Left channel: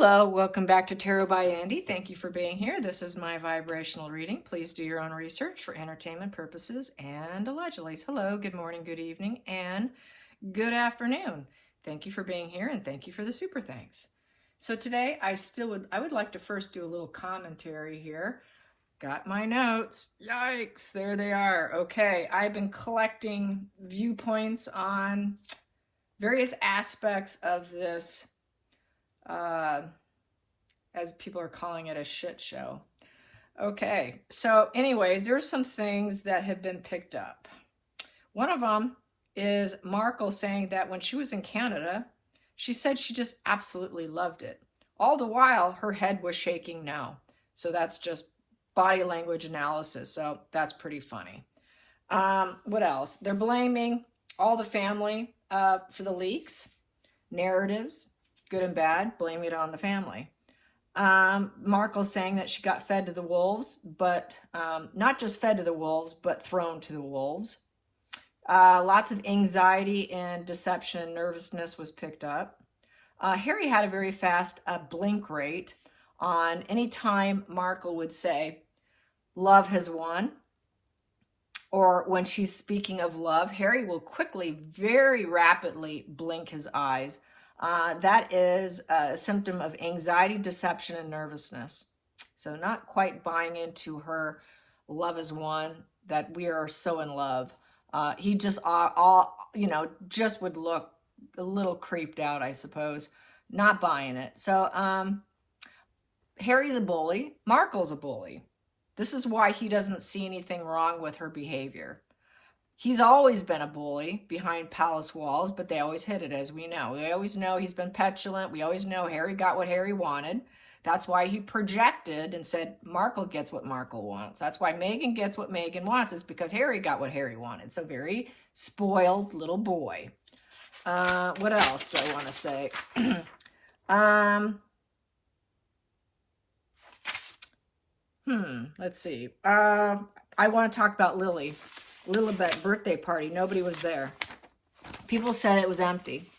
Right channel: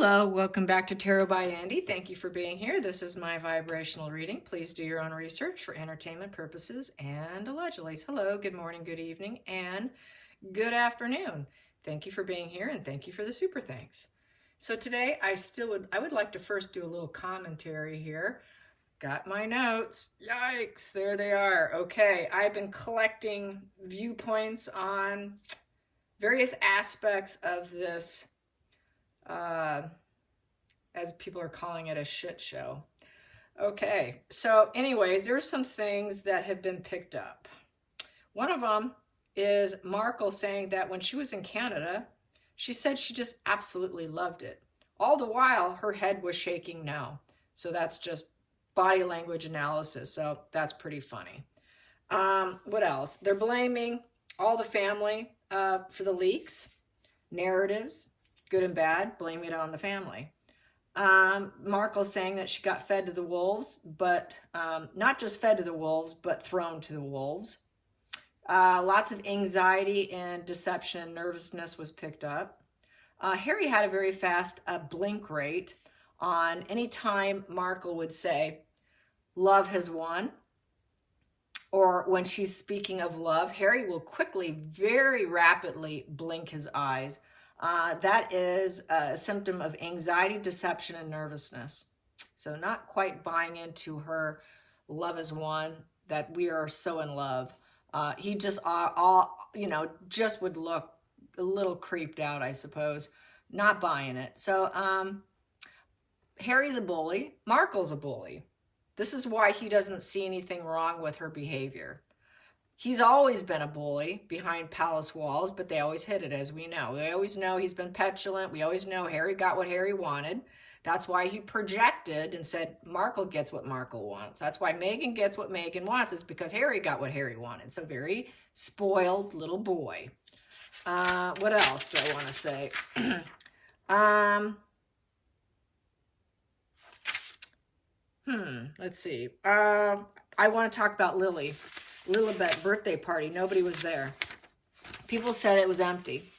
Hello, welcome back to Tarot by Andy. Thank you for being here. This is my vibrational reading. Please do your own research for entertainment purposes and allegedly. Hello, good morning, good evening, and good afternoon. Thank you for being here and thank you for the super thanks. So today I would like to first do a little commentary here. Got my notes. Yikes, there they are. Okay, I've been collecting viewpoints on various aspects of this as people are calling it, a shit show. Okay, so anyways, there's some things that have been picked up. One of them is Markle saying that when she was in Canada, she said she just absolutely loved it. All the while, her head was shaking no. So that's just body language analysis. So that's pretty funny. What else? They're blaming all the family for the leaks, narratives, good and bad, blaming it on the family. Markle's saying that she got fed to the wolves, but not just fed to the wolves, but thrown to the wolves. Lots of anxiety and deception and nervousness was picked up. Harry had a very fast blink rate on any time Markle would say, love has won, or when she's speaking of love, Harry will quickly, very rapidly blink his eyes. That is a symptom of anxiety, deception, and nervousness. So not quite buying into her love is one, that we are so in love. He just just would look a little creeped out, I suppose. Not buying it. So Harry's a bully. Markle's a bully. This is why he doesn't see anything wrong with her behavior. He's always been a bully behind palace walls, but they always hid it, as we know. We always know he's been petulant. We always know Harry got what Harry wanted. That's why he projected and said Markle gets what Markle wants. That's why Meghan gets what Meghan wants. It's because Harry got what Harry wanted. So very spoiled little boy. What else do I want to say? Let's see. I want to talk about Lily. Lilibet birthday party. Nobody was there. People said it was empty.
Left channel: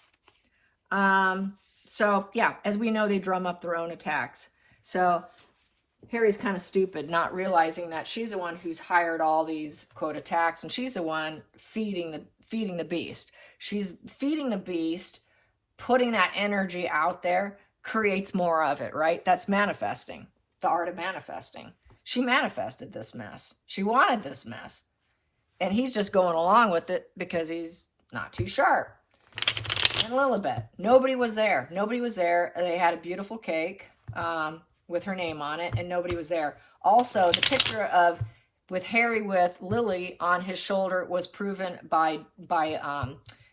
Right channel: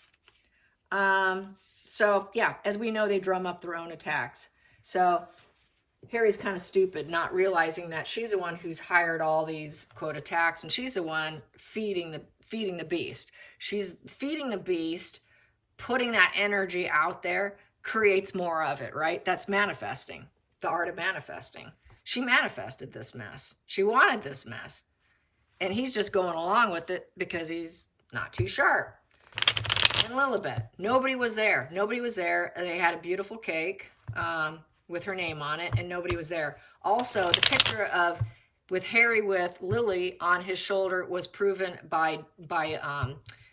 So yeah, as we know, they drum up their own attacks. So Harry's kind of stupid, not realizing that she's the one who's hired all these quote attacks, and she's the one feeding the beast. She's feeding the beast, putting that energy out there, creates more of it, right? That's manifesting. The art of manifesting. She manifested this mess. She wanted this mess. And he's just going along with it because he's not too sharp. And Lilibet, nobody was there. Nobody was there. They had a beautiful cake with her name on it, and nobody was there. Also, the picture of with Harry with Lily on his shoulder was proven by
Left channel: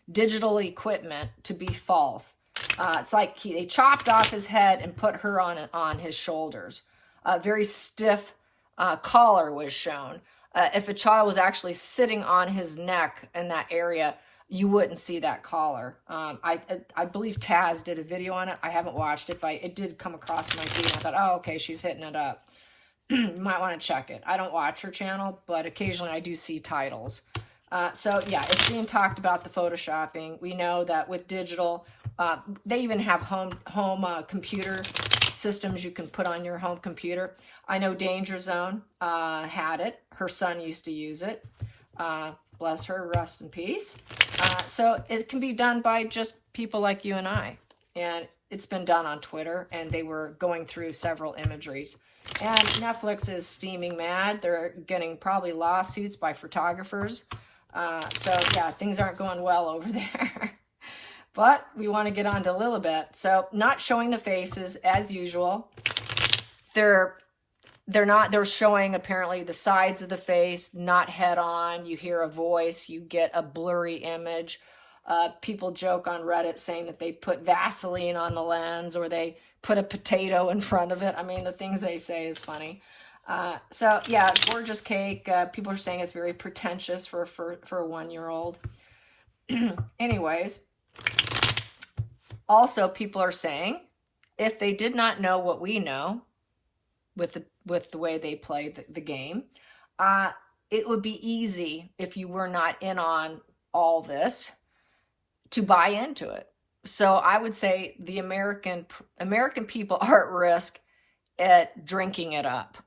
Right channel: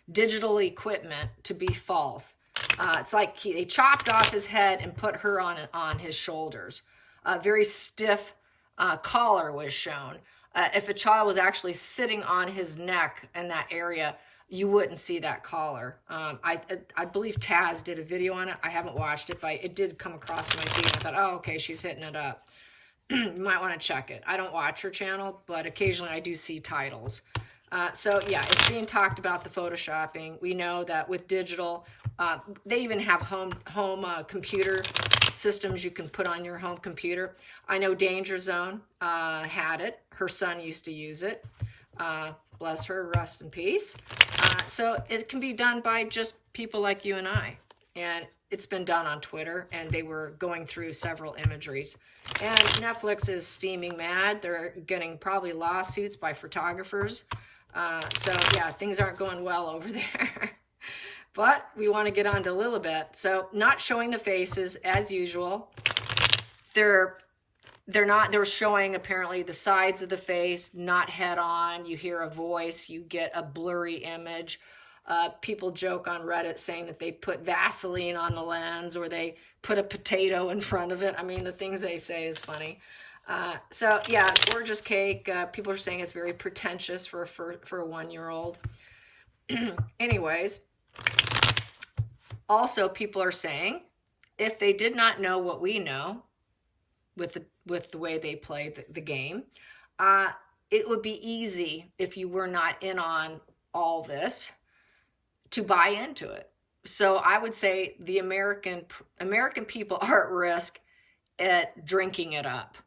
digital equipment to be false. It's like they chopped off his head and put her on his shoulders. A very stiff collar was shown. If a child was actually sitting on his neck in that area, you wouldn't see that collar. I believe Taz did a video on it. I haven't watched it, but it did come across my feed. I thought, oh, okay, she's hitting it up. You might want to check it. I don't watch her channel, but occasionally I do see titles. So yeah, it's being talked about the photoshopping. We know that with digital, they even have home computer systems you can put on your home computer. I know Danger Zone had it. Her son used to use it. Bless her, rest in peace. So it can be done by just people like you and I. And it's been done on Twitter, and they were going through several imageries. And Netflix is steaming mad. They're getting probably lawsuits by photographers. So yeah, things aren't going well over there. But we want to get on to Lilibet. So not showing the faces as usual. They're showing apparently the sides of the face, not head on. You hear a voice, you get a blurry image. People joke on Reddit saying that they put Vaseline on the lens or they put a potato in front of it. I mean, the things they say is funny. So yeah, gorgeous cake. People are saying it's very pretentious for a 1-year-old. Anyways, also people are saying if they did not know what we know with the way they play the game, it would be easy if you were not in on all this to buy into it. So I would say the American people are at risk at drinking it up,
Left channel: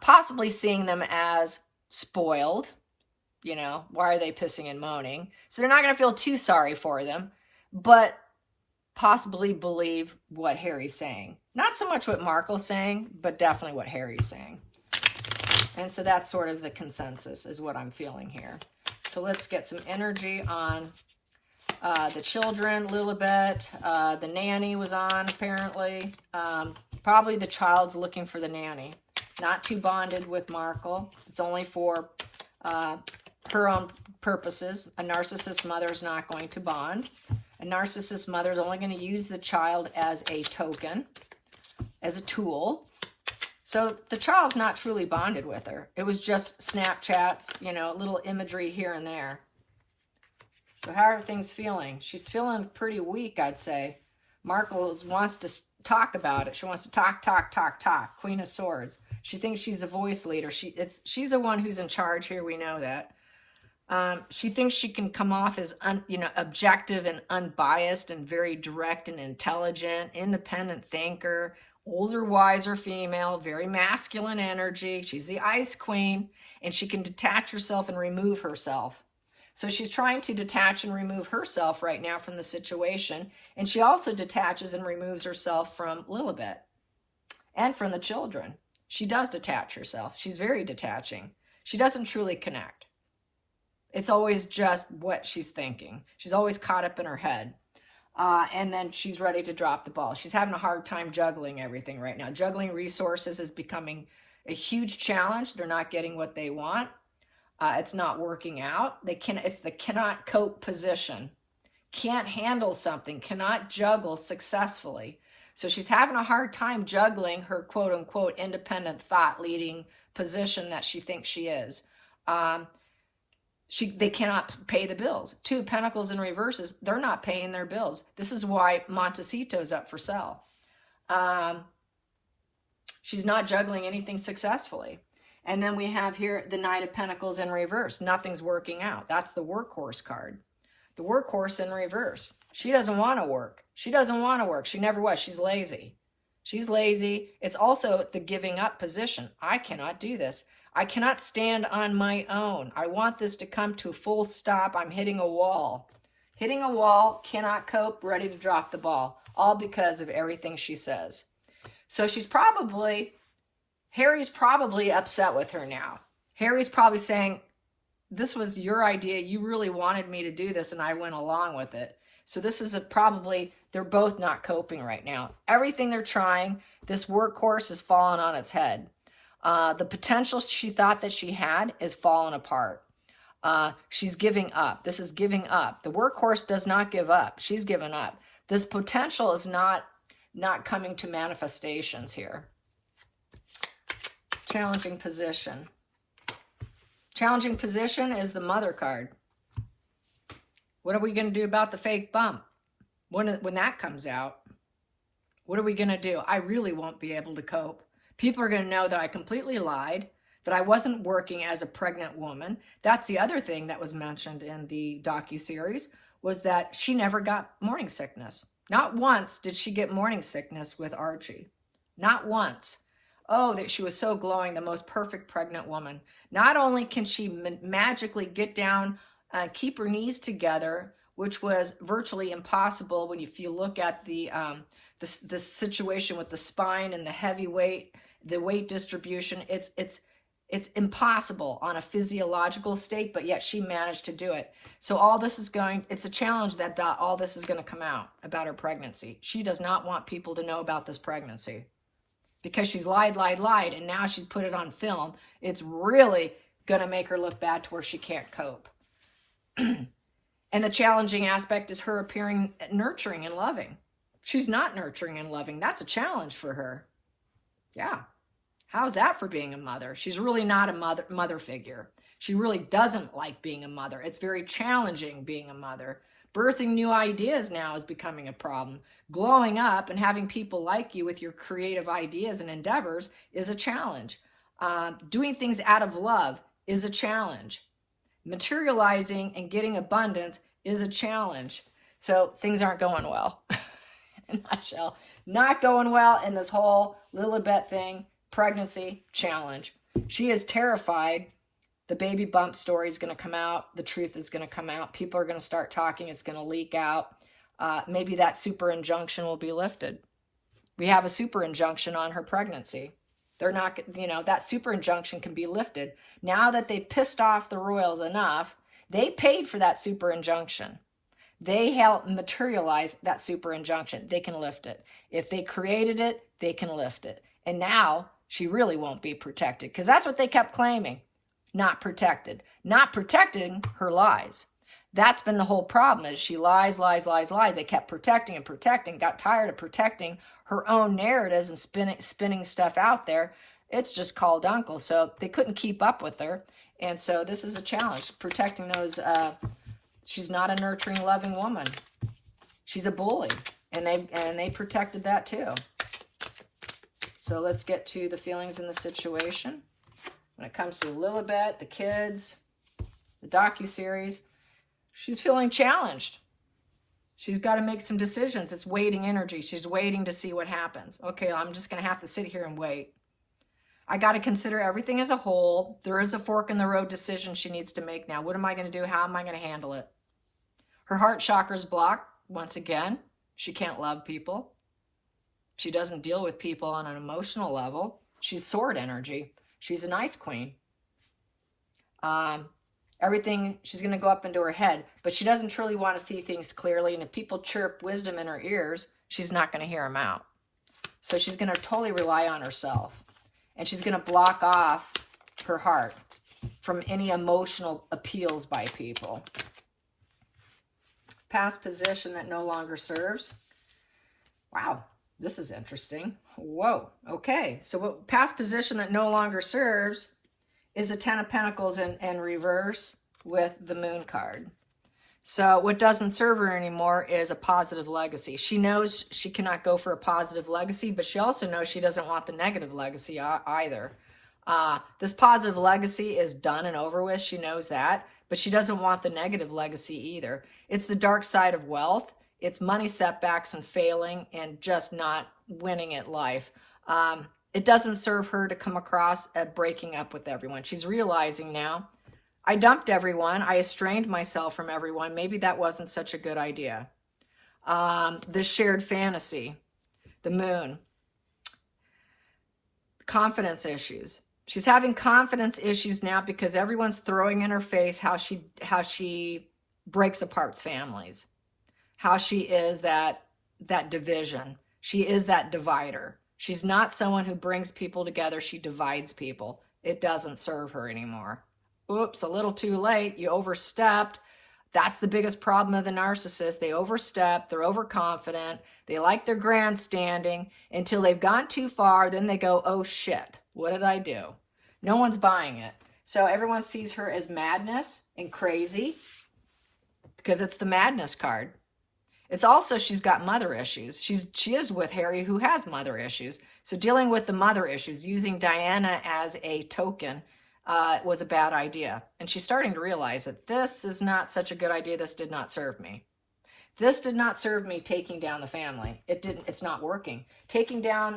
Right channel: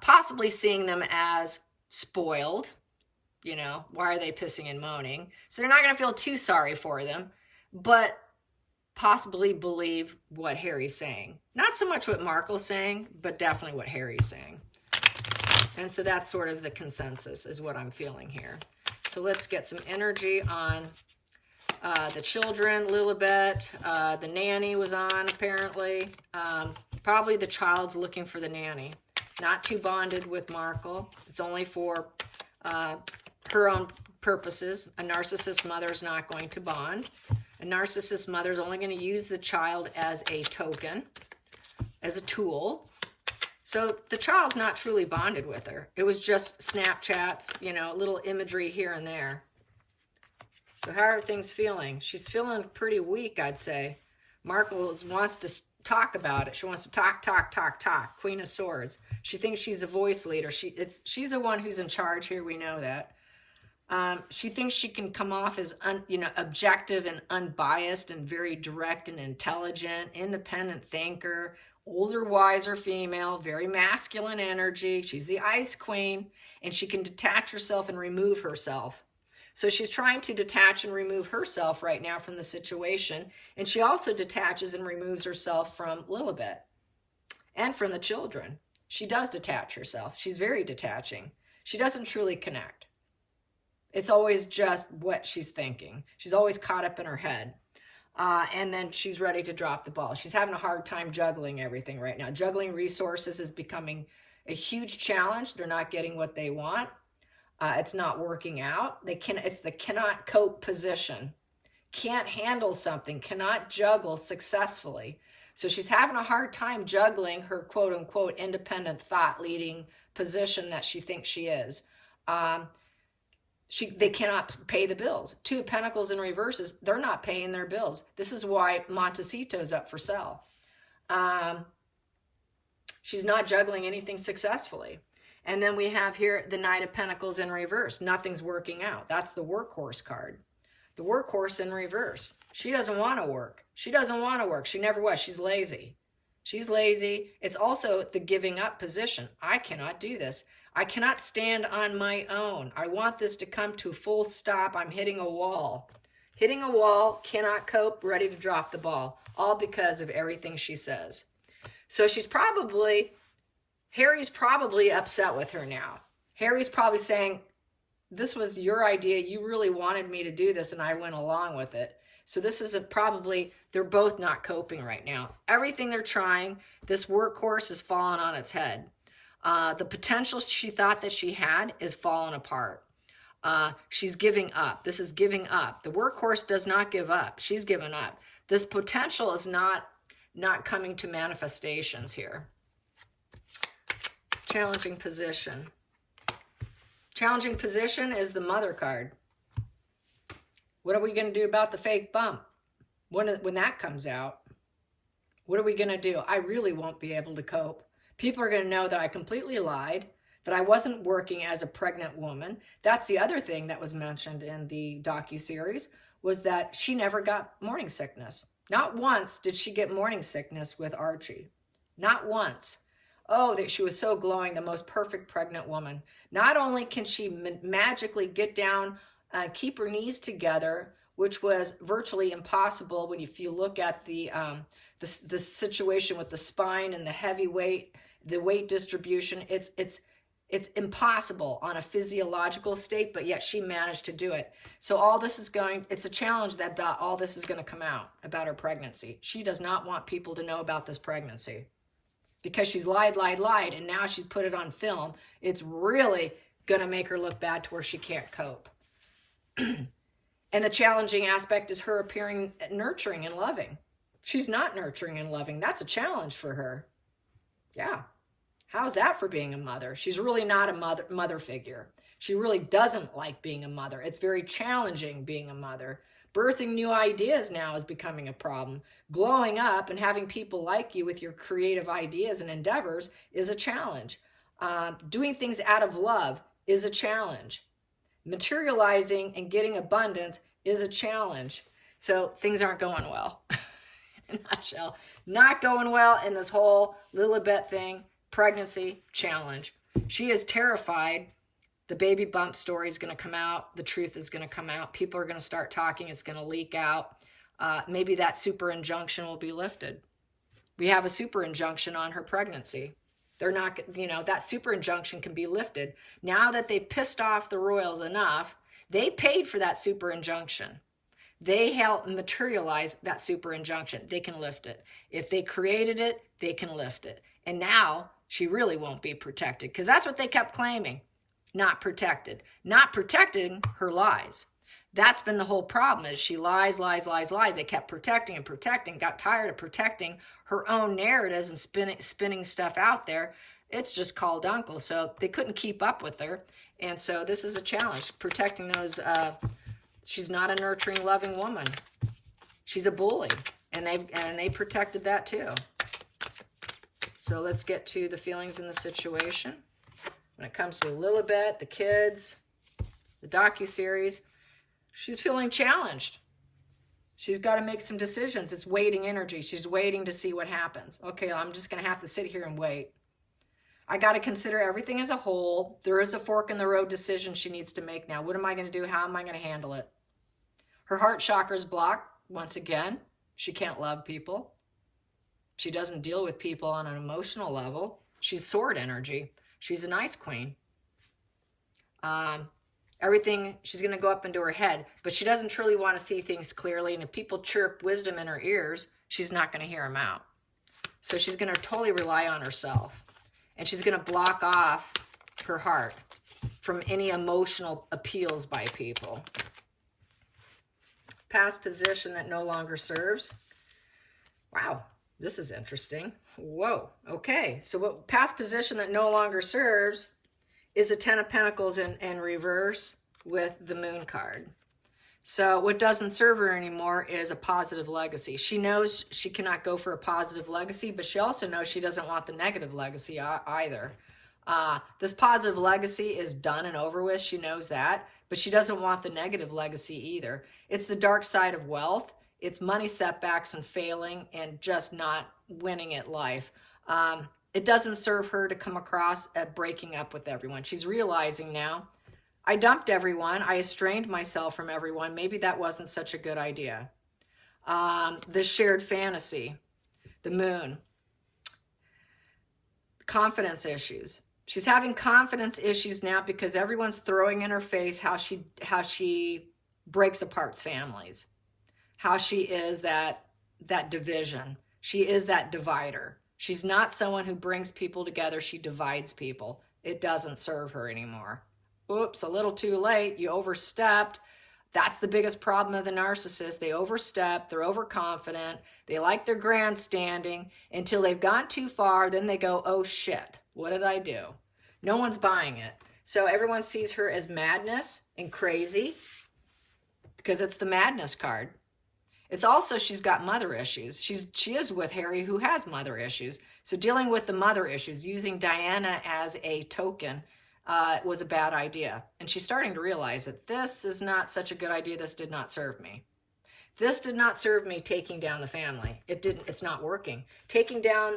possibly seeing them as spoiled. You know, why are they pissing and moaning? So they're not going to feel too sorry for them, but possibly believe what Harry's saying. Not so much what Markle's saying, but definitely what Harry's saying. And so that's sort of the consensus is what I'm feeling here. So let's get some energy on the children a little bit. The nanny was on, apparently. Probably the child's looking for the nanny. Not too bonded with Markle. It's only for her own purposes. A narcissist mother is not going to bond. A narcissist mother is only going to use the child as a token, as a tool. So the child's not truly bonded with her. It was just Snapchats, you know, little imagery here and there. So how are things feeling? She's feeling pretty weak, I'd say. Markle wants to talk about it. She wants to talk. Queen of Swords. She thinks she's a voice leader. She's the one who's in charge here. We know that. She thinks she can come off as objective and unbiased and very direct and intelligent, independent thinker, older, wiser female, very masculine energy. She's the Ice Queen, and she can detach herself and remove herself. So she's trying to detach and remove herself right now from the situation, and she also detaches and removes herself from Lilibet and from the children. She does detach herself. She's very detaching. She doesn't truly connect. It's always just what she's thinking. She's always caught up in her head. And then she's ready to drop the ball. She's having a hard time juggling everything right now. Juggling resources is becoming a huge challenge. They're not getting what they want. It's not working out. It's the cannot cope position. Can't handle something. Cannot juggle successfully. So she's having a hard time juggling her quote-unquote independent thought-leading position that she thinks she is. They cannot pay the bills. Two of Pentacles in reverses, they're not paying their bills. This is why Montecito's up for sale. She's not juggling anything successfully. And then we have here the Knight of Pentacles in reverse. Nothing's working out. That's the workhorse card. The workhorse in reverse. She doesn't want to work. She doesn't want to work. She never was. She's lazy. She's lazy. It's also the giving up position. I cannot do this. I cannot stand on my own. I want this to come to a full stop. I'm hitting a wall. Hitting a wall, cannot cope, ready to drop the ball. All because of everything she says. So Harry's probably upset with her now. Harry's probably saying, this was your idea. You really wanted me to do this, and I went along with it. So this is they're both not coping right now. Everything they're trying, this workhorse is falling on its head. The potential she thought that she had is falling apart. She's giving up. This is giving up. The workhorse does not give up. She's given up. This potential is not coming to manifestations here. Challenging position. Challenging position is the Mother card. What are we going to do about the fake bump when that comes out? What are we going to do? I really won't be able to cope. People are going to know that I completely lied, that I wasn't working as a pregnant woman. That's the other thing that was mentioned in the docuseries, was that she never got morning sickness. Not once did she get morning sickness with Archie. Not once. Oh, that she was so glowing, the most perfect pregnant woman. Not only can she magically get down, keep her knees together, which was virtually impossible when if you look at the situation with the spine and the heavy weight, the weight distribution, it's impossible on a physiological state, but yet she managed to do it. So all this is it's a challenge that all this is going to come out about her pregnancy. She does not want people to know about this pregnancy because she's lied, and now she's put it on film. It's really going to make her look bad to where she can't cope. And the challenging aspect is her appearing nurturing and loving. She's not nurturing and loving. That's a challenge for her. Yeah. How's that for being a mother? She's really not a mother figure. She really doesn't like being a mother. It's very challenging being a mother. Birthing new ideas now is becoming a problem. Glowing up and having people like you with your creative ideas and endeavors is a challenge. Doing things out of love is a challenge. Materializing and getting abundance is a challenge. So things aren't going well. In a nutshell, not going well in this whole Lilibet thing, pregnancy challenge. She is terrified. The baby bump story is going to come out. The truth is going to come out. People are going to start talking. It's going to leak out. Maybe that super injunction will be lifted. We have a super injunction on her pregnancy. They're not, that super injunction can be lifted. Now that they pissed off the royals enough, they paid for that super injunction. They helped materialize that super injunction. They can lift it. If they created it, they can lift it. And now she really won't be protected, because that's what they kept claiming. Not protected. Not protected, her lies. That's been the whole problem, is she lies, lies, lies, lies. They kept protecting and protecting, got tired of protecting her own narratives and spinning stuff out there. It's just called uncle. So they couldn't keep up with her. And so this is a challenge, protecting those. She's not a nurturing, loving woman. She's a bully. And they protected that too. So let's get to the feelings in the situation. When it comes to Lilibet, the kids, the docuseries, she's feeling challenged. She's got to make some decisions. It's waiting energy. She's waiting to see what happens. Okay, I'm just going to have to sit here and wait. I got to consider everything as a whole. There is a fork in the road decision she needs to make now. What am I going to do? How am I going to handle it? Her heart chakra is blocked once again. She can't love people. She doesn't deal with people on an emotional level. She's sword energy. She's an ice queen. Everything, she's going to go up into her head, but she doesn't truly want to see things clearly. And if people chirp wisdom in her ears, she's not going to hear them out. So she's going to totally rely on herself. And she's going to block off her heart from any emotional appeals by people. Past position that no longer serves. Wow, this is interesting. Whoa, okay. So what past position that no longer serves is the Ten of Pentacles in reverse with the Moon card. So what doesn't serve her anymore is a positive legacy. She knows she cannot go for a positive legacy, but she also knows she doesn't want the negative legacy either. This positive legacy is done and over with. She knows that, but she doesn't want the negative legacy either. It's the dark side of wealth. It's money setbacks and failing and just not winning at life. It doesn't serve her to come across at breaking up with everyone. She's realizing now, I dumped everyone. I estranged myself from everyone. Maybe that wasn't such a good idea. The shared fantasy, the Moon, confidence issues. She's having confidence issues now because everyone's throwing in her face how she breaks apart families, how she is that division. She is that divider. She's not someone who brings people together. She divides people. It doesn't serve her anymore. Oops, a little too late. You overstepped. That's the biggest problem of the narcissist. They overstep. They're overconfident. They like their grandstanding until they've gone too far. Then they go, oh shit, what did I do? No one's buying it. So everyone sees her as madness and crazy because it's the madness card. It's also, she's got mother issues. She is with Harry, who has mother issues. So dealing with the mother issues, using Diana as a token was a bad idea. And she's starting to realize that this is not such a good idea. This did not serve me. This did not serve me taking down the family. It's not working. Taking down,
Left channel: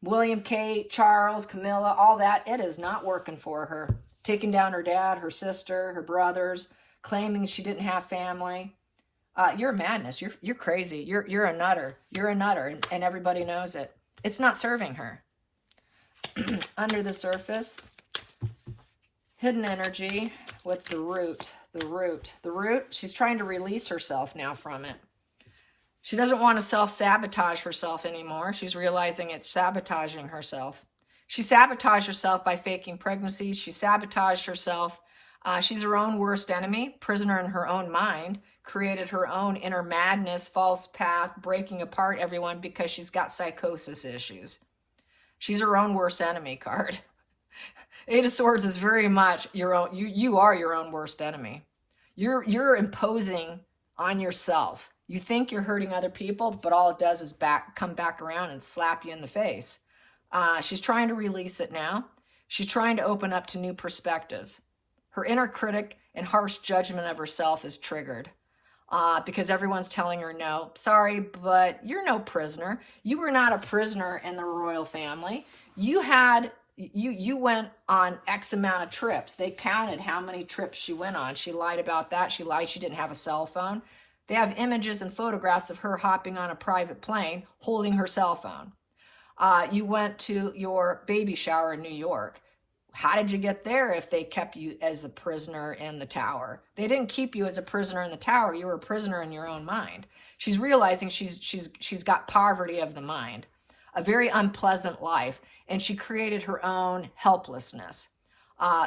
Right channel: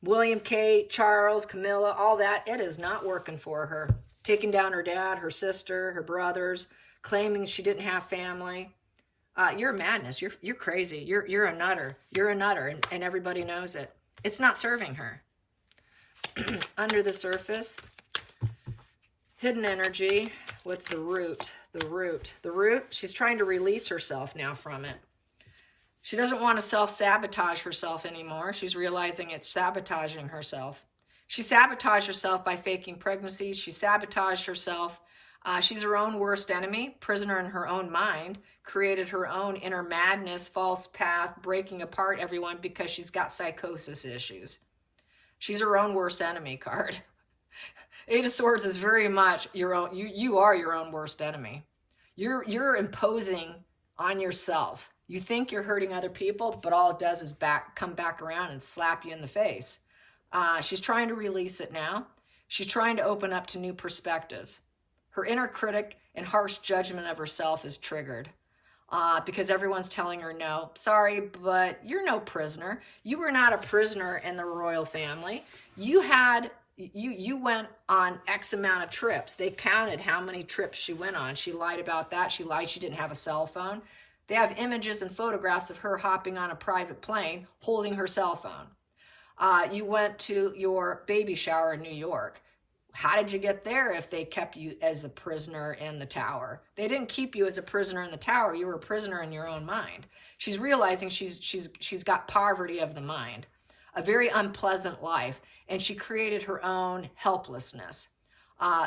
William, Kate, Charles, Camilla, all that, it is not working for her. Taking down her dad, her sister, her brothers, claiming she didn't have family. You're madness. You're crazy. You're a nutter. You're a nutter, and everybody knows it. It's not serving her. Under the surface, hidden energy. What's the root? The root. She's trying to release herself now from it. She doesn't want to self-sabotage herself anymore. She's realizing it's sabotaging herself. She sabotaged herself by faking pregnancies. She sabotaged herself. She's her own worst enemy, prisoner in her own mind, created her own inner madness, false path, breaking apart everyone because she's got psychosis issues. She's her own worst enemy card. Eight of Swords is very much your own. You are your own worst enemy. You're imposing on yourself. You think you're hurting other people, but all it does is come back around and slap you in the face. She's trying to release it now. She's trying to open up to new perspectives. Her inner critic and harsh judgment of herself is triggered. Because everyone's telling her no. Sorry, but you're no prisoner. You were not a prisoner in the royal family. You went on X amount of trips. They counted how many trips she went on. She lied about that. She lied she didn't have a cell phone. They have images and photographs of her hopping on a private plane holding her cell phone. You went to your baby shower in New York. How did you get there if they kept you as a prisoner in the tower? They didn't keep you as a prisoner in the tower. You were a prisoner in your own mind. She's realizing she's got poverty of the mind, a very unpleasant life, and she created her own helplessness.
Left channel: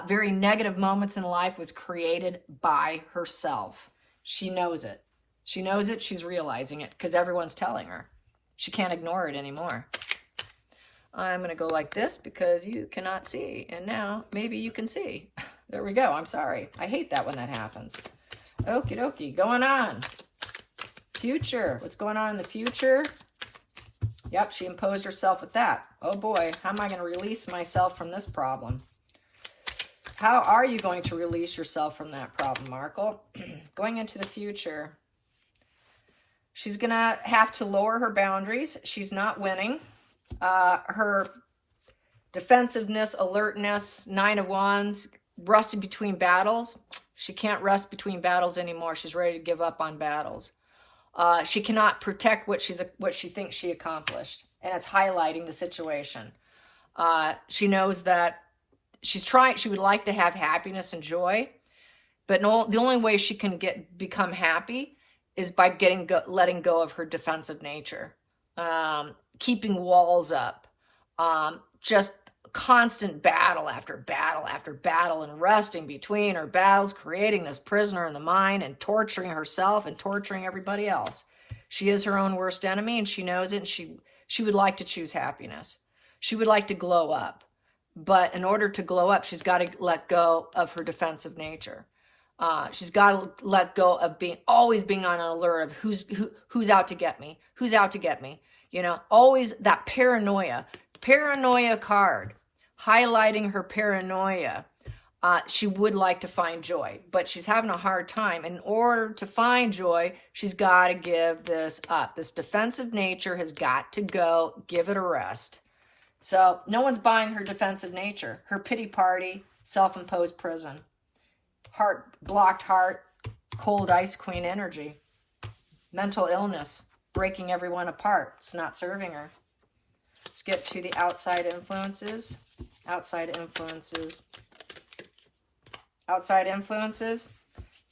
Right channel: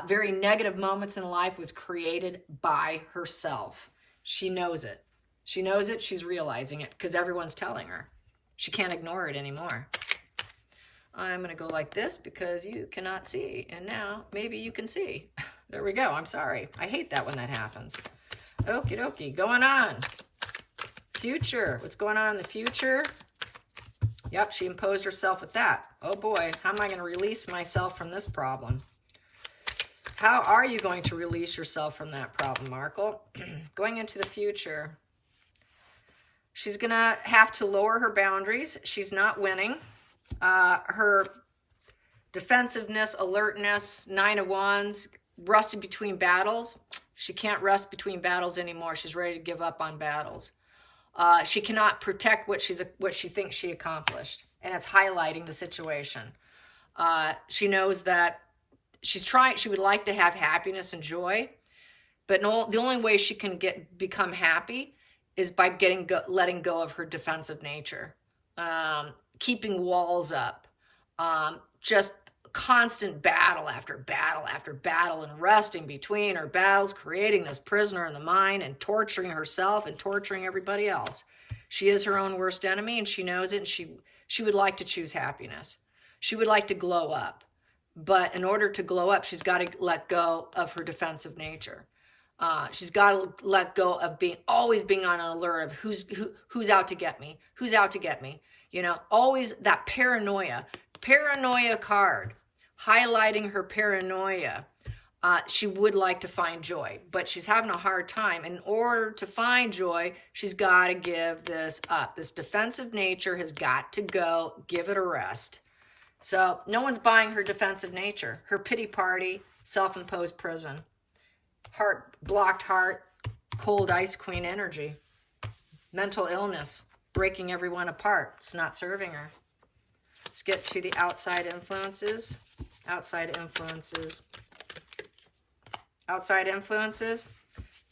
Very negative moments in life was created by herself. She knows it. She knows it. She's realizing it because everyone's telling her. She can't ignore it anymore. I'm going to go like this because you cannot see. And now maybe you can see. There we go. I'm sorry. I hate that when that happens. Okie dokie. Going on. Future. What's going on in the future? Yep, she imposed herself with that. Oh boy, how am I going to release myself from this problem? How are you going to release yourself from that problem, Markle? Going into the future. She's going to have to lower her boundaries. She's not winning. Her defensiveness, alertness, 9 of Wands, rusting between battles. She can't rest between battles anymore. She's ready to give up on battles. She cannot protect what she thinks she accomplished, and it's highlighting the situation. She knows that she would like to have happiness and joy, but the only way she can become happy is by letting go of her defensive nature. Keeping walls up, just constant battle after battle after battle, and resting between her battles, creating this prisoner in the mind and torturing herself and torturing everybody else. She is her own worst enemy, and she knows it, and she would like to choose happiness. She would like to glow up, but in order to glow up, she's got to let go of her defensive nature. She's got to let go of always being on an alert of who's out to get me, who's out to get me. You know, always that paranoia card, highlighting her paranoia. She would like to find joy, but she's having a hard time. In order to find joy, she's got to give this up. This defensive nature has got to go. Give it a rest. So no one's buying her defensive nature. Her pity party, self-imposed prison. Blocked heart, cold ice queen energy. Mental illness. Breaking everyone apart. It's not serving her. Let's get to the outside influences. Outside influences. Outside influences.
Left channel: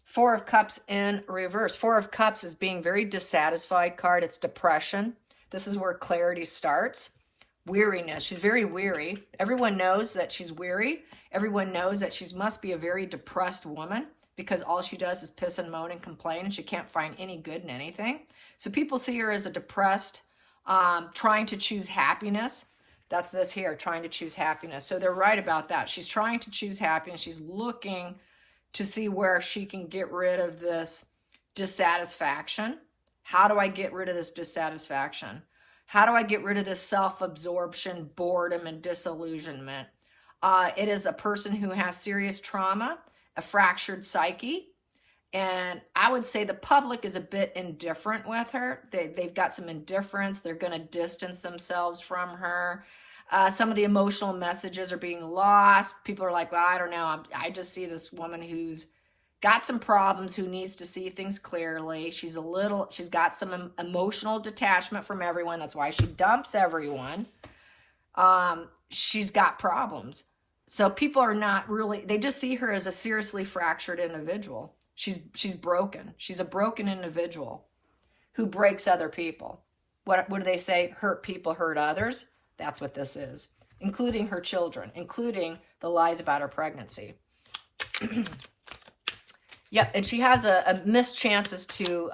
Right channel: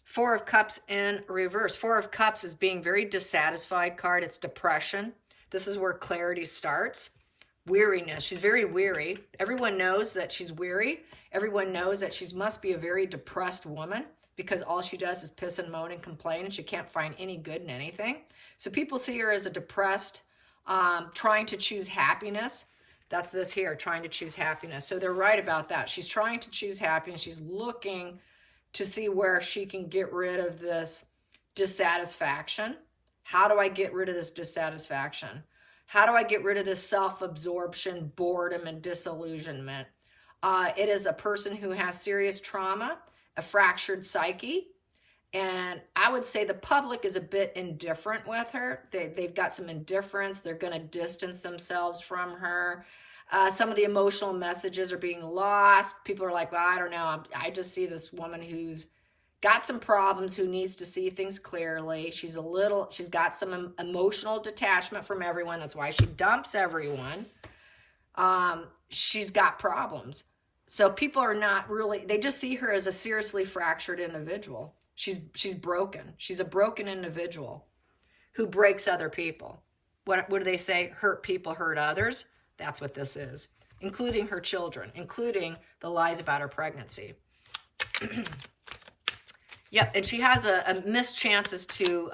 4 of Cups in reverse. 4 of Cups is being very dissatisfied card. It's depression. This is where clarity starts. Weariness. She's very weary. Everyone knows that she's weary. Everyone knows that she must be a very depressed woman, because all she does is piss and moan and complain, and she can't find any good in anything. So people see her as a depressed, trying to choose happiness. That's this here, trying to choose happiness. So they're right about that. She's trying to choose happiness. She's looking to see where she can get rid of this dissatisfaction. How do I get rid of this dissatisfaction? How do I get rid of this self-absorption, boredom, and disillusionment? It is a person who has serious trauma, a fractured psyche, and I would say the public is a bit indifferent with her. They've got some indifference. They're going to distance themselves from her. Some of the emotional messages are being lost. People are like, well, I don't know. I just see this woman who's got some problems, who needs to see things clearly. She's got some emotional detachment from everyone. That's why she dumps everyone. She's got problems. So people are not really, they just see her as a seriously fractured individual. She's broken. She's a broken individual who breaks other people. What do they say? Hurt people hurt others. That's what this is, including her children, including the lies about her pregnancy. Yep, and she has a missed chances to,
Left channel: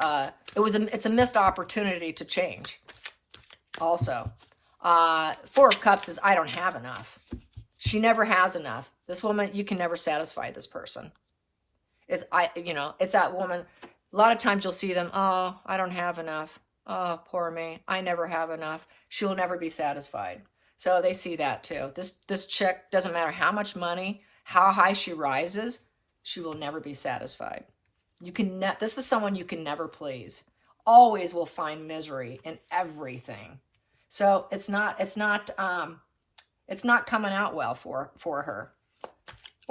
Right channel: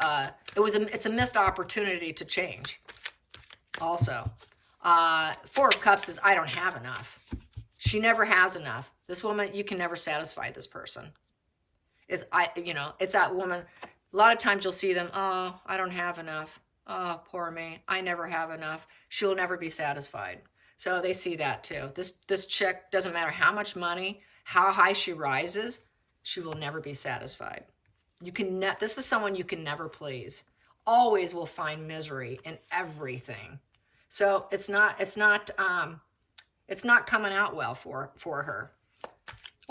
it's a missed opportunity to change. Also, 4 of Cups is, I don't have enough. She never has enough. This woman, you can never satisfy this person. It's that woman. A lot of times you'll see them, oh, I don't have enough. Oh, poor me. I never have enough. She'll never be satisfied. So they see that too. This chick, doesn't matter how much money, how high she rises, She will never be satisfied. This is someone you can never please. Always will find misery in everything. So it's not coming out well for her,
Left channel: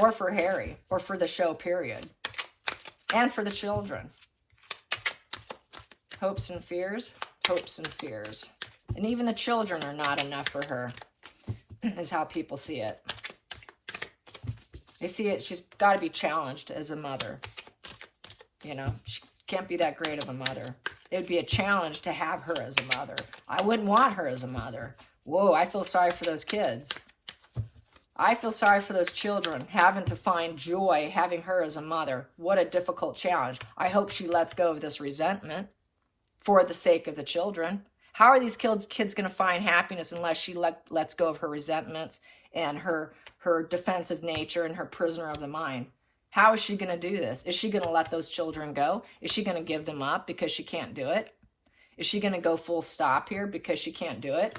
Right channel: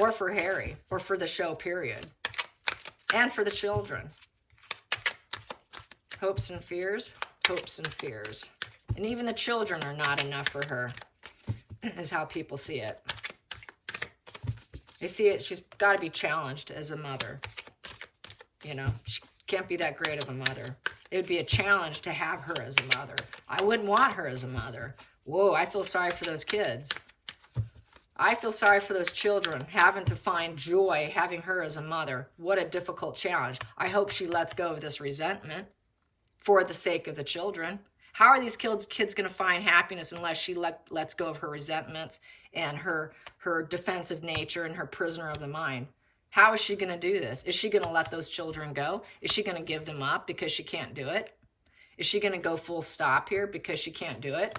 or for Harry, or for the show, period. And for the children. Hopes and fears, hopes and fears. And even the children are not enough for her, is how people see it. They see it, she's got to be challenged as a mother. You know, she can't be that great of a mother. It would be a challenge to have her as a mother. I wouldn't want her as a mother. Whoa, I feel sorry for those kids. I feel sorry for those children having to find joy having her as a mother. What a difficult challenge. I hope she lets go of this resentment for the sake of the children. How are these kids going to find happiness unless she lets go of her resentments and her defensive nature and her prisoner of the mind? How is she going to do this? Is she going to let those children go? Is she going to give them up because she can't do it? Is she going to go full stop here because she can't do it?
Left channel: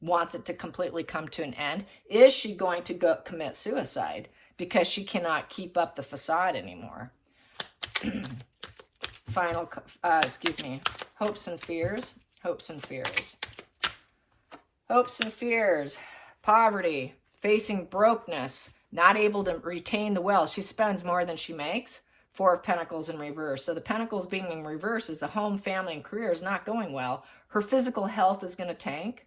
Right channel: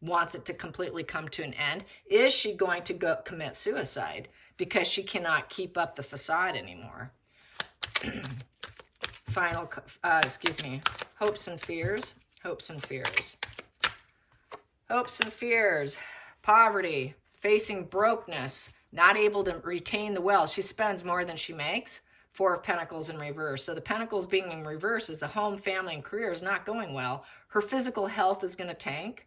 Wants it to completely come to an end? Is she going to go commit suicide because she cannot keep up the facade anymore? Hopes and fears. Hopes and fears. Hopes and fears. Poverty. Facing brokenness. Not able to retain the wealth. She spends more than she makes. Four of Pentacles in reverse. So the Pentacles being in reverse is the home, family, and career is not going well. Her physical health is going to tank.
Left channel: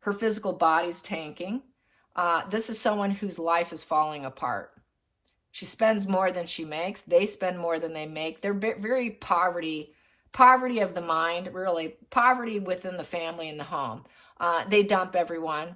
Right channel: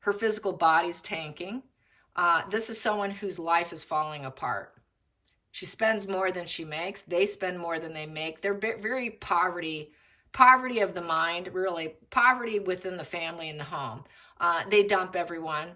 Her physical body's tanking. This is someone whose life is falling apart. She spends more than she makes. They spend more than they make. They're very poverty of the mind, really. Poverty within the family and the home. They dump everyone.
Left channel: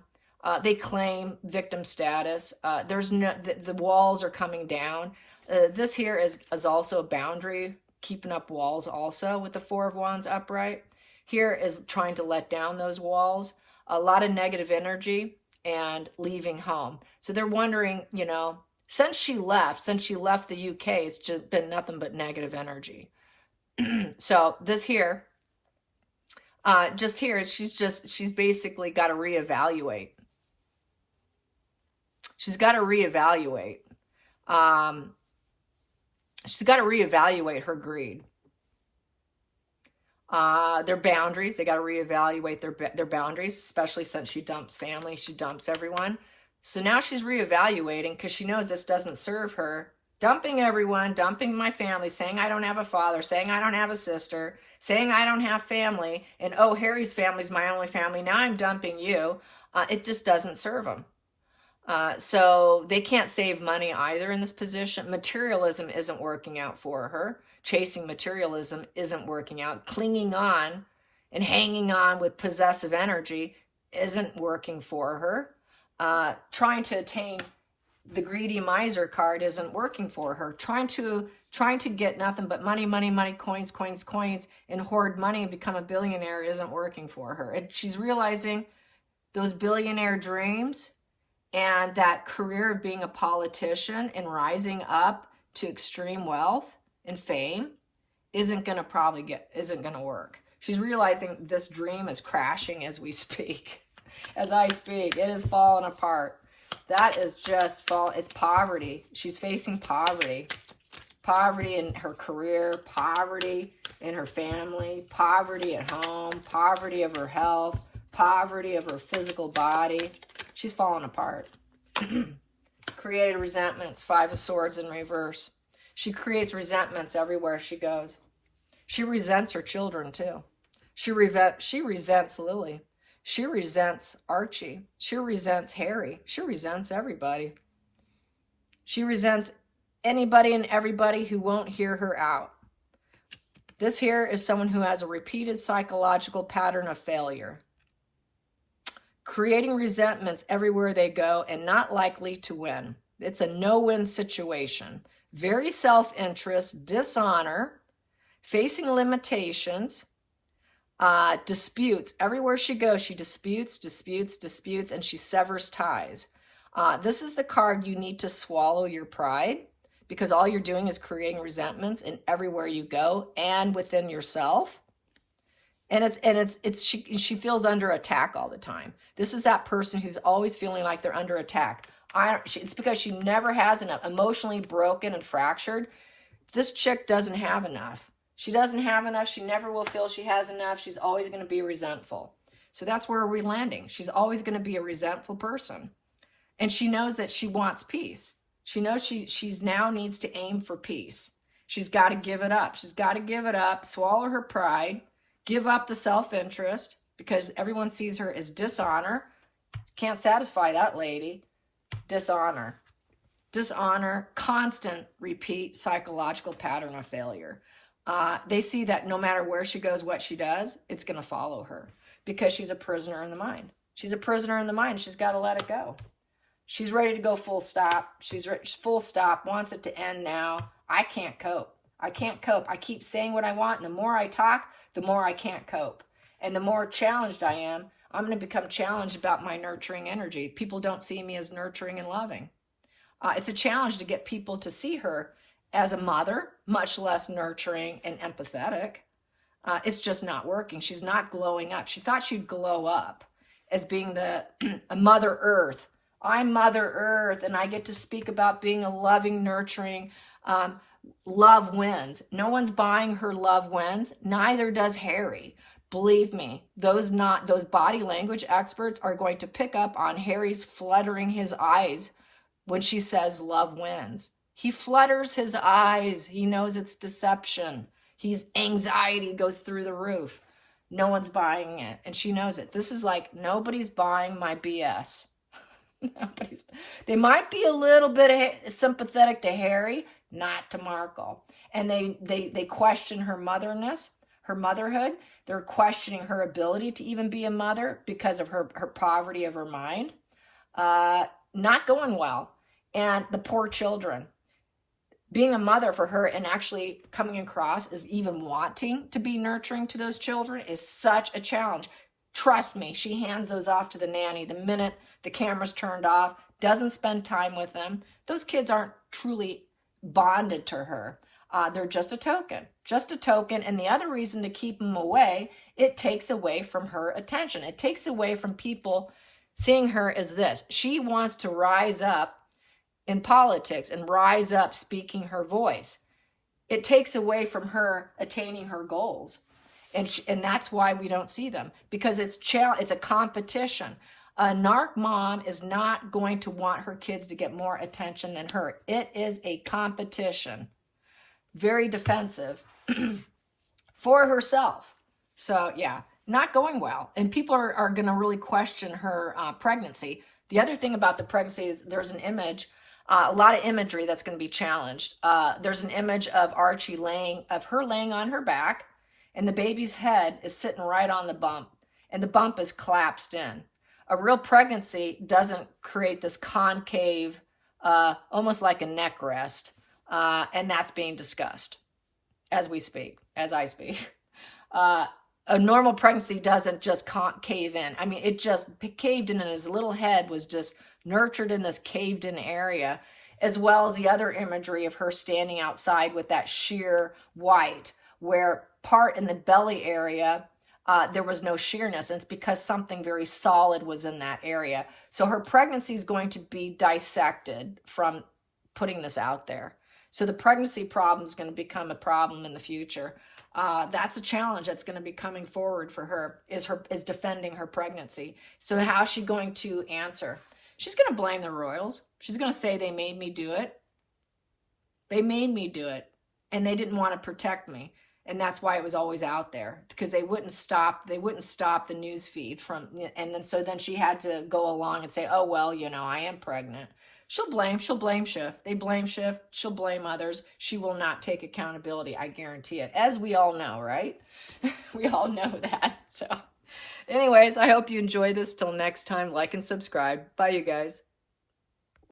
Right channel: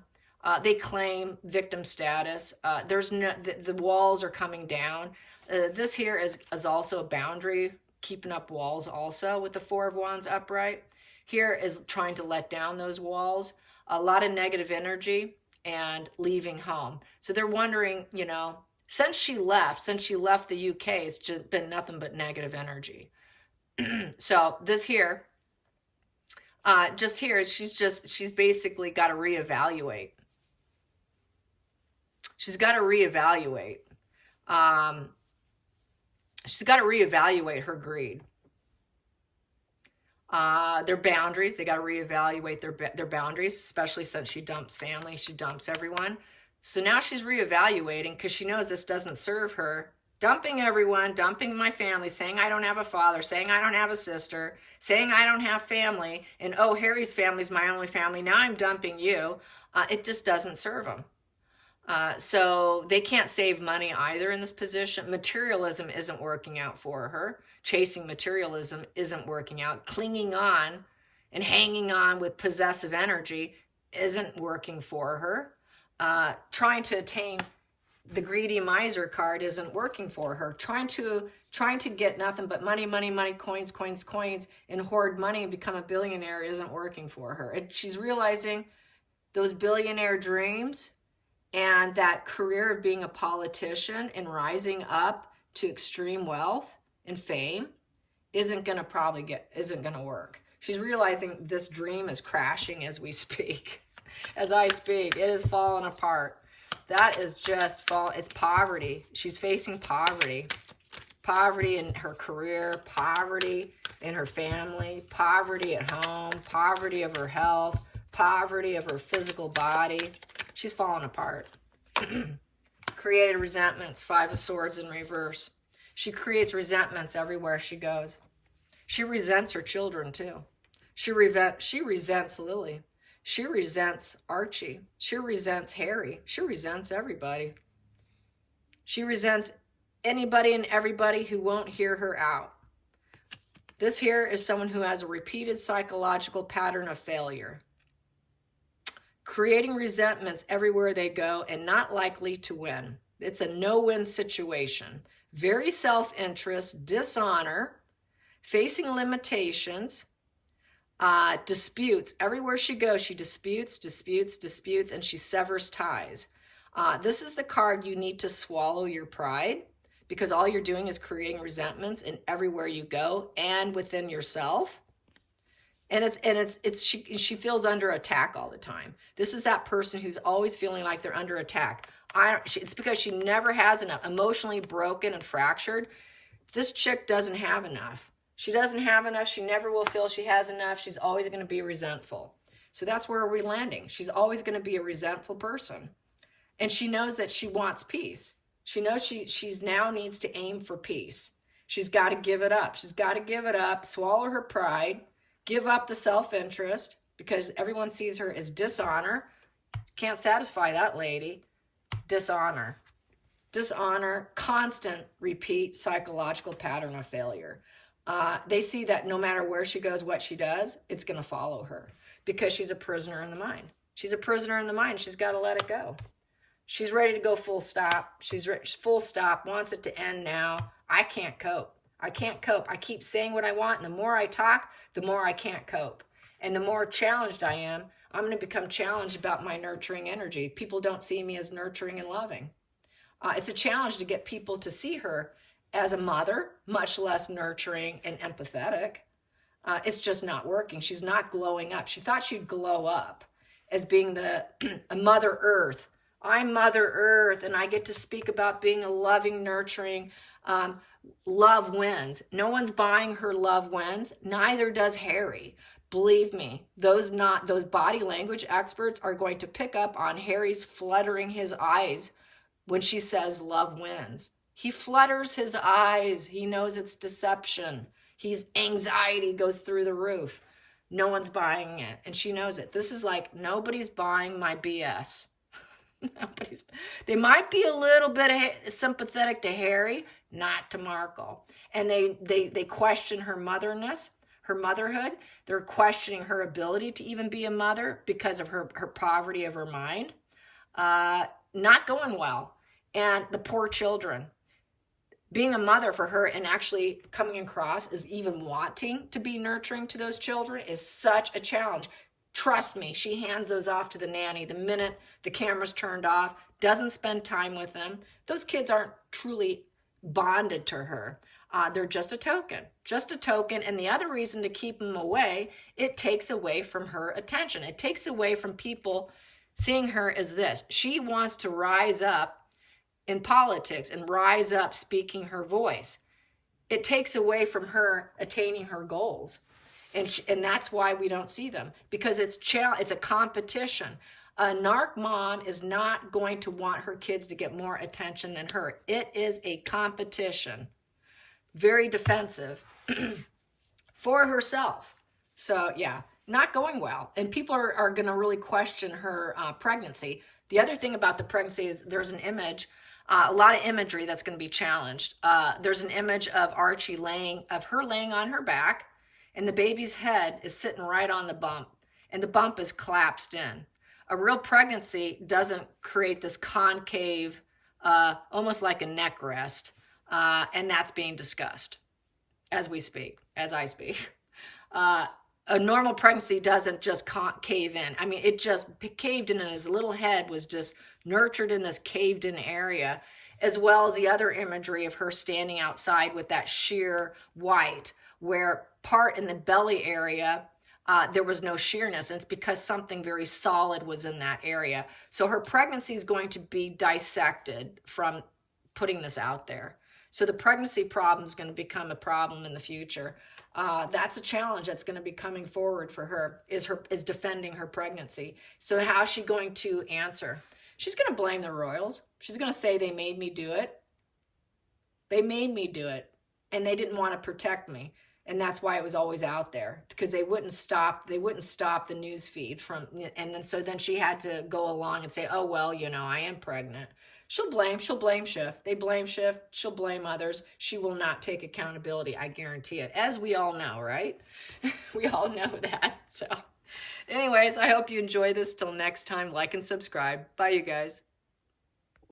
They claim victim status. The walls are coming down. This here is also a boundary, keeping up walls also with the Four of Wands upright. Here is trying to let down those walls. A lot of negative energy and leaving home. So they're wondering, you know, since she left the UK, it's just been nothing but negative energy. So this here, she's basically got to reevaluate. She's got to reevaluate. She's got to reevaluate her greed. Their boundaries, they got to reevaluate their boundaries, especially since she dumps family, she dumps everyone. So now she's reevaluating because she knows this doesn't serve her. Dumping everyone, dumping my family, saying I don't have a father, saying I don't have a sister, saying I don't have family, and oh, Harry's family's my only family. Now I'm dumping you. It just doesn't serve them. So they can't save money either in this position. Materialism isn't working out for her. Chasing materialism isn't working out. Clinging on and hanging on with possessive energy isn't working for her. Trying to attain the greedy miser card isn't working for her. Trying to get nothing but money, coins, and hoard money and become a billionaire isn't working for her. And she's realizing those billionaire dreams and that career of being a politician and rising up to extreme wealth and fame isn't going to work. She's realizing this dream is crashing as we speak. As I speak, it is falling apart. That is just it's poverty. She's facing poverty. Poverty in her career, poverty in her family, poverty at home, poverty of her health, poverty of her physical body. She's falling apart. Created resentments, Five of Swords in reverse. She creates resentments everywhere she goes. She resents her children too. She resents Lily. She resents Archie. She resents Harry. She resents everybody. She resents anybody and everybody who won't hear her out. This here is someone who has a repeated psychological pattern of failure. Creating resentments everywhere they go and not likely to win. It's a no-win situation. Very self-interest, dishonor, facing limitations, disputes. Everywhere she goes, she disputes, and she severs ties. This is the card you need to swallow your pride, because all you're doing is creating resentments in everywhere you go and within yourself. And she feels under attack all the time. This is that person who's always feeling like they're under attack. It's because she never has enough. Emotionally broken and fractured. This chick doesn't have enough. She doesn't have enough. She never will feel she has enough. She's always going to be resentful. So that's where we're landing. She's always going to be a resentful person. And she knows that she wants peace. She knows she's now needs to aim for peace. She's got to give it up. She's got to give it up, swallow her pride, give up the self-interest, because everyone sees her as dishonor. Can't satisfy that lady. Dishonor. Dishonor, constant repeat psychological pattern of failure. They see that no matter where she goes, what she does, it's going to follow her because she's a prisoner in the mind. She's a prisoner in the mind. She's got to let it go. She's ready to go full stop. She's full stop, wants it to end now. I can't cope. I can't cope. I keep saying what I want, and the more I talk, the more I can't cope. And the more challenged I am, I'm going to become challenged about my nurturing energy. People don't see me as nurturing and loving. It's a challenge to get people to see her as a mother, much less nurturing and empathetic. It's just not working. She's not glowing up. She thought she'd glow up as being a Mother Earth. I'm Mother Earth, and I get to speak about being a loving, nurturing, love wins. No one's buying her love wins. Neither does Harry. Believe me, those body language experts are going to pick up on Harry's fluttering his eyes when she says love wins. He flutters his eyes. He knows it's deception. His anxiety goes through the roof. No one's buying it, and she knows it. This is like, nobody's buying my BS. They might be a little bit sympathetic to Harry, not to Markle. And they question her motherness, her motherhood. They're questioning her ability to even be a mother because of her poverty of her mind. Not going well. And the poor children. Being a mother for her and actually coming across as even wanting to be nurturing to those children is such a challenge. Trust me, she hands those off to the nanny the minute the camera's turned off, doesn't spend time with them. Those kids aren't truly bonded to her. They're just a token, And the other reason to keep them away, it takes away from her attention. It takes away from people seeing her as this. She wants to rise up in politics and rise up speaking her voice. It takes away from her attaining her goals. And that's why we don't see them, because it's a competition. A narc mom is not going to want her kids to get more attention than her. It is a competition. Very defensive for herself. So yeah, not going well. And people are going to really question her pregnancy. The other thing about the pregnancy is there's an image, a lot of imagery that's going to be challenged. There's an image of Archie laying on her back, and the baby's head is sitting right on the bump, and the bump is collapsed in. A real pregnancy doesn't create this concave, almost like a neck rest, and that's being discussed as I speak. A normal pregnancy doesn't just cave in. I mean, it just caved in, and his little head was just nurtured in this caved in area, as well as the other imagery of her standing outside with that sheer white, where part in the belly area, there was no sheerness, and it's because something very solid was in that area. So her pregnancy is going to be dissected from putting this out there. So the pregnancy problem is going to become a problem in the future. That's a challenge that's going to be coming forward for her, is defending her pregnancy. So how is she going to answer? She's going to blame the royals. She's going to say they made me do it. They made me do it, and they didn't want to protect me. And that's why it was always out there, because they wouldn't stop the news feed from, and then she had to go along and say, oh, well, I am pregnant. She'll blame shift. They blame shift. She'll blame others. She will not take accountability. I guarantee it. As we all know, right? We all know that. So anyways, I hope you enjoy this. Till next time, like and subscribe. Bye, you guys.